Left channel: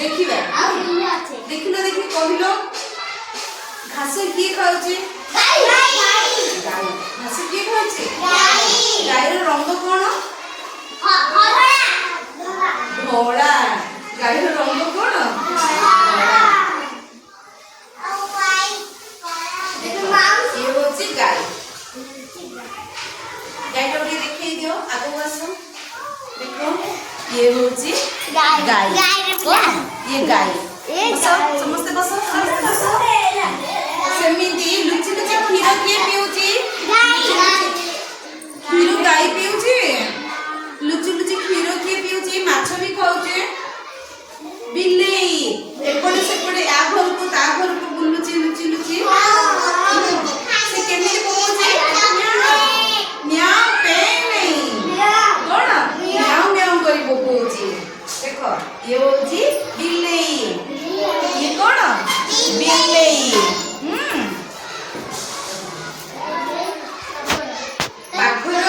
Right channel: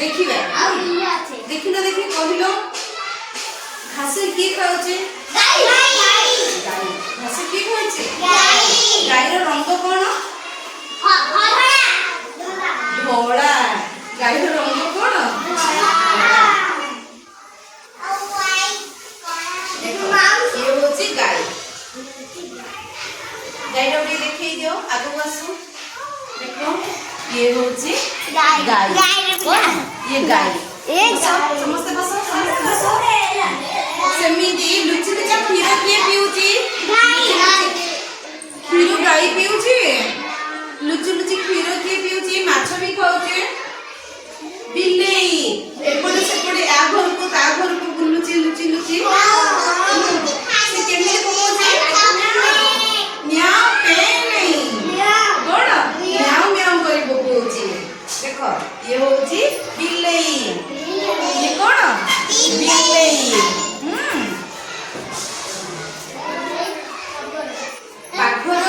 देखिबे देखिलो देखि कहिलो घास की खाउचे गाय गाय घास की खाउचे गाय गाय रो रंग कोन धोला गाय रो रंग कोन ये होची गाय गाय रो देखै दियो आगो बसो देखो ये होची गाय गाय ये गाय समस्त बसो सेमिति लुचि लुचि क्षीर किए पिउची क्षीर गाय पिउची लुचि लुचि क्षीर किए पिउची माछ भी खाउचे बिल्ली एपटे सेपटे आ घर को ता घर को बुलुची लुचि लुचि से केमिति पहुंचे म्याऊ पे नहीं कोन म्याऊ म्याऊ करी बोलुची देखो ये होची बिल्ली ये कोन बिल्ली बाघर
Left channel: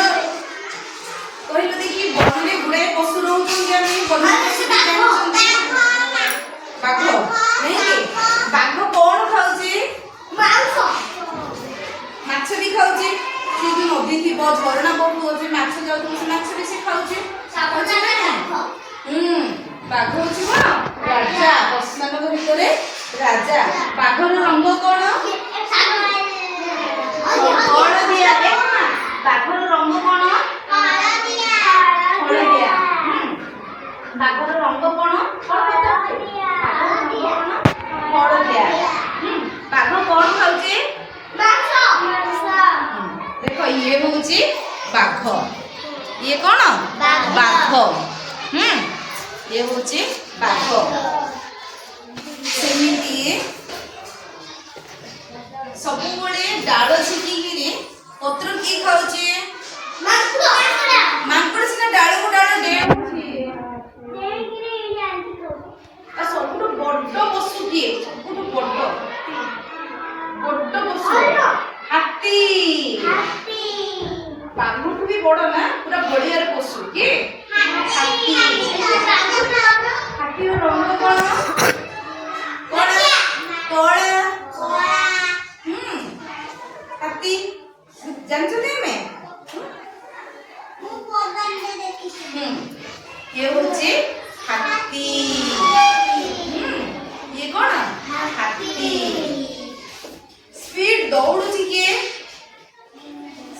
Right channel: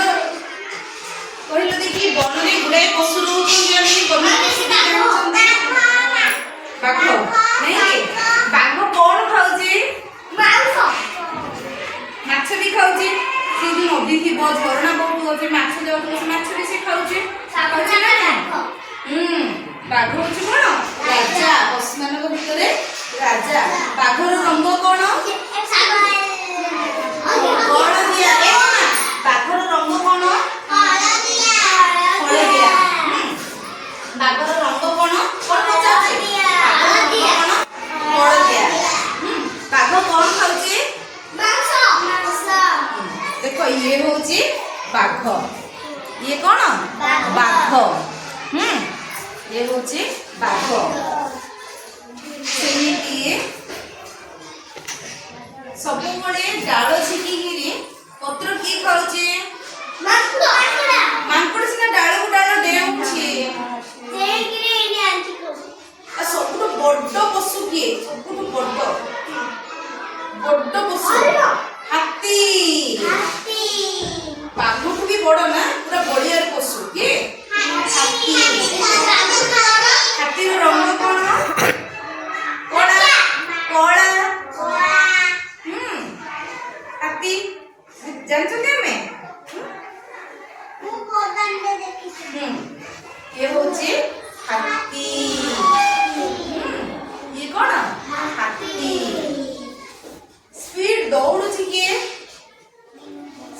कहलो देखि बनरे गुड़ाई पशु रहउछन जानि बन पशु जानछन बाघ नहीं के बाघ कोन खाउची मांस माछ भी खाउची से दिन नदी थी बहुत झरना बहुत होचे माछ जाउ से माछ भी से खाउची खाउची ना बाघ होची कोन राजा पशुमान भितरे राजा बाघर रंग कोन हलदिया बाघर रंग कोन हलदिया बाघर रंग कोन कोन पचाचे हलदिया बाघ कोन खाउची मांस देखो ये होची बाघ ये कोन बाघ ये होची बाघ सेमिति सब बड़े डाल छिकी पत्र की खाउचे मांकड़ सिना डाल को डाल डेउछि आ सबटु बड्ड पशु की सबटु बड्ड पशु हाथी बाघ भी बड़ ना पूरा बढ़िया पशु की हाथी हाथी रो रंग कोन कोला हाथी जानछते हमें ये होची हाथी ये कोन हाथी स्पीड दौड़ुची के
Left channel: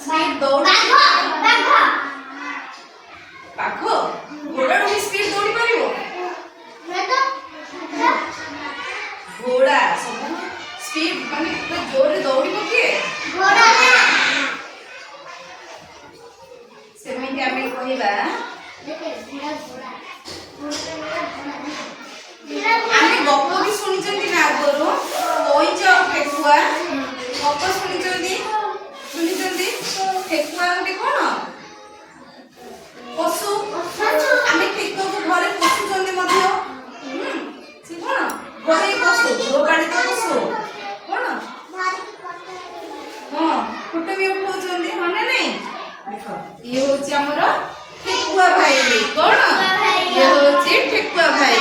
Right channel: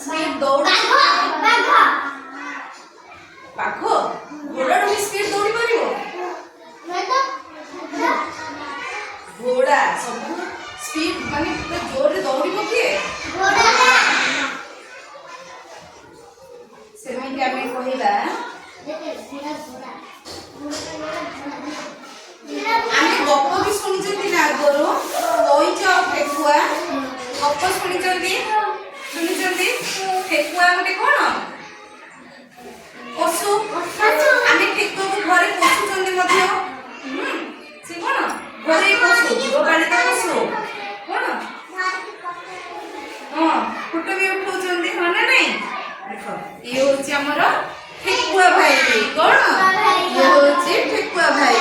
स्पीड दौड़ुची बाघ घोड़ा भी स्पीड दौड़ी परिबो घोड़ा सब स्पीड माने जोर दौड़ी पकिए घोड़ा सेमिति आमे कहिबा आमे गप भी सुनिचंती ना आगरो ओइच फेकुआ गप सुनिचंती फेकुआ गोटे कोन पशु आमे फेकुआ को घरे पोषुचंती मध्य से कोन घरे पशु गृहपालित पशु कोन हां फोटो भी उठाउचंती हां ना नहीं देखो ये होची हमर ठेकुआ भाई कोन ये होची ठेकुआ भाई